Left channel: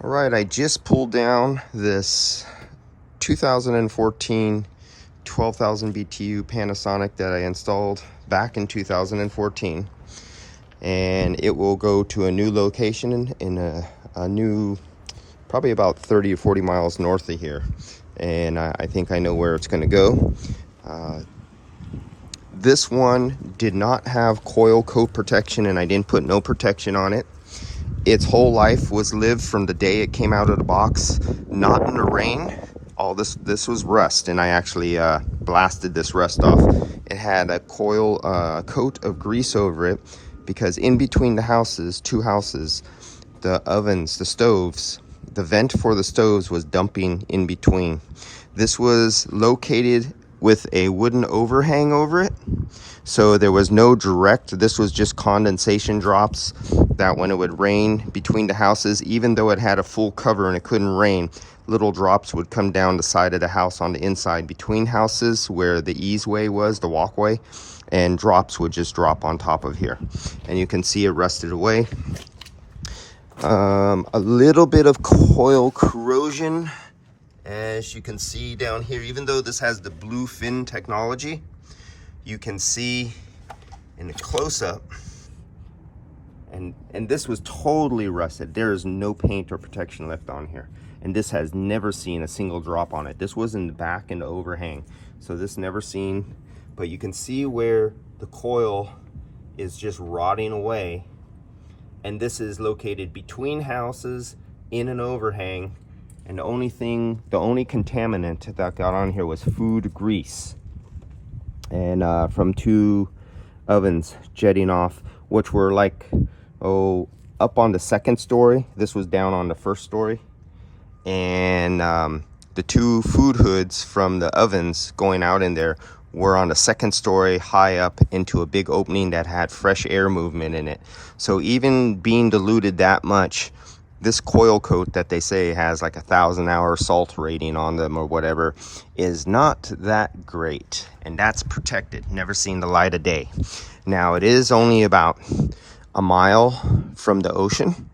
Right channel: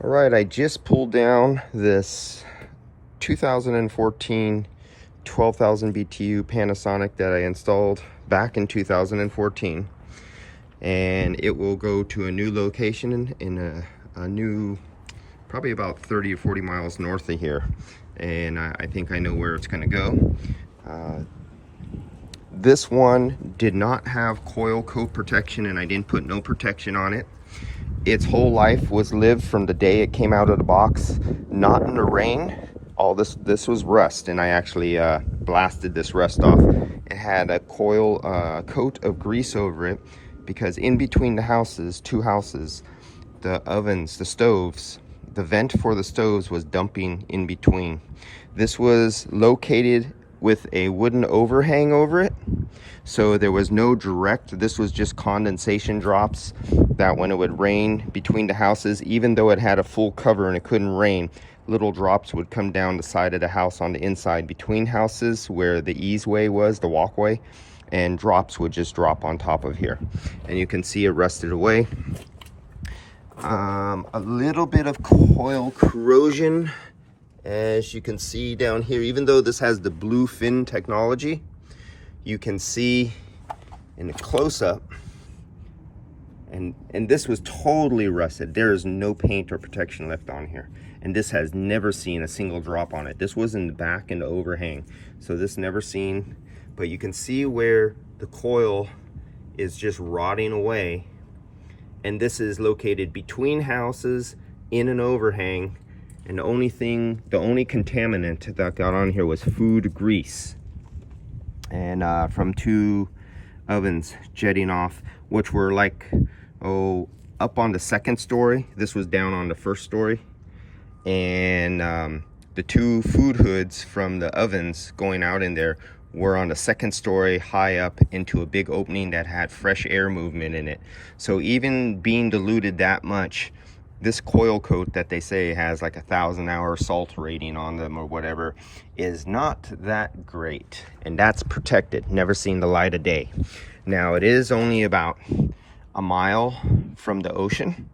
All right, I just pulled down this 2014 12,000 BTU Panasonic that I installed back in 2014, and it will go to a new location in a new, probably about 30 or 40 miles north of here, and I think I know where it's going to go. This one did not have coil coat protection, and I didn't put no protection on it. Its whole life was lived from the day it came out of the box, not in the rain. All this was rust, and I actually blasted this rust off. It had a coil coat of grease over it because in between the houses, two houses, the ovens, the stoves, the vent for the stoves was dumping in between. This was located with a wooden overhang over it, so there was no direct, this was just condensation drops that when it would rain between the houses, even though it had a full cover and it couldn't rain, little drops would come down the side of the house on the inside between houses where the easeway was, the walkway, and drops would just drop on top of here, and you can see it rusted away. A little bit of coil corrosion, as you can see down here. Even though this has the blue fin technology, you can see in the close-up, and this was totally rusted. There is no paint or protection left on here, and this has never seen a single drop on it. This was in the back and the overhang, so this never seen, but you can see where the coil is just rotting away, and this is located between houses in an overhang, and the only contaminant that got on here was food grease, and from two ovens jetting off, which were like, up on the second story. This was down on the first story, and the two food hoods from the ovens going out in there were on the second story, high up into a big opening that had fresh air movement in it. So even being diluted that much, this coil coat that they say has like 1,000-hour salt rating on them or whatever is not that great, and that's protected, never seen the light of day. Now it is only about a mile from the ocean,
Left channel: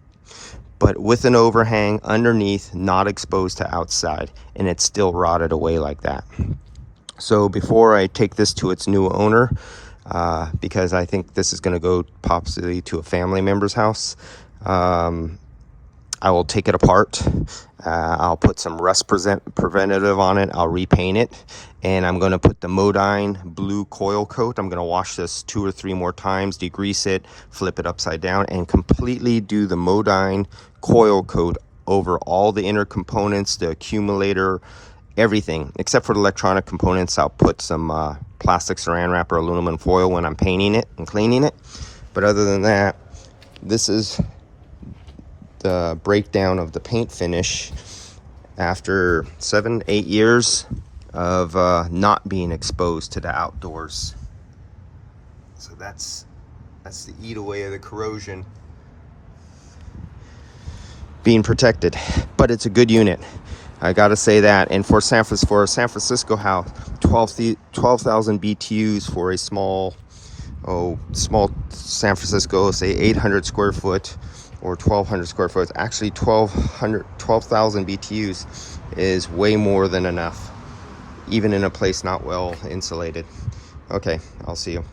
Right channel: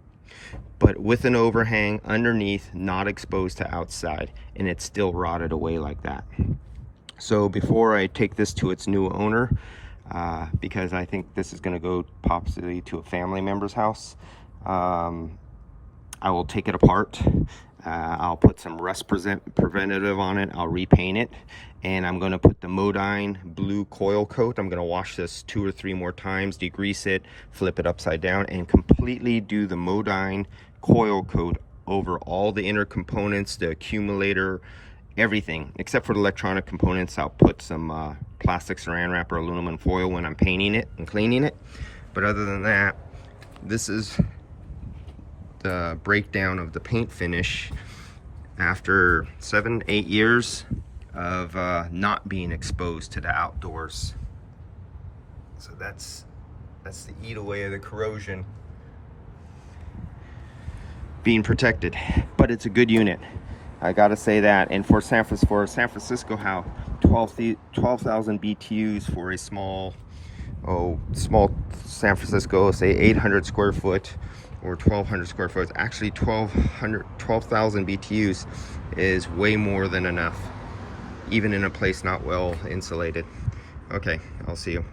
but with an overhang underneath, not exposed to outside, and it's still rotted away like that. So before I take this to its new owner, because I think this is going to go possibly to a family member's house, I will take it apart. I'll put some rust preventative on it. I'll repaint it, and I'm going to put the Modine blue coil coat. I'm going to wash this 2 or 3 more times, degrease it, flip it upside down, and completely do the Modine coil coat over all the inner components, the accumulator, everything except for the electronic components. I'll put some plastic saran wrap or aluminum foil when I'm painting it and cleaning it, but other than that, this is the breakdown of the paint finish after 7-8 years of not being exposed to the outdoors. So that's the eat away of the corrosion being protected, but it's a good unit, I gotta say that. And for a San Francisco house, 12,000 BTUs for a small San Francisco, say 800 square foot or 1,200 square foot. Actually 12,000 BTUs is way more than enough, even in a place not well insulated. Okay, I'll see you.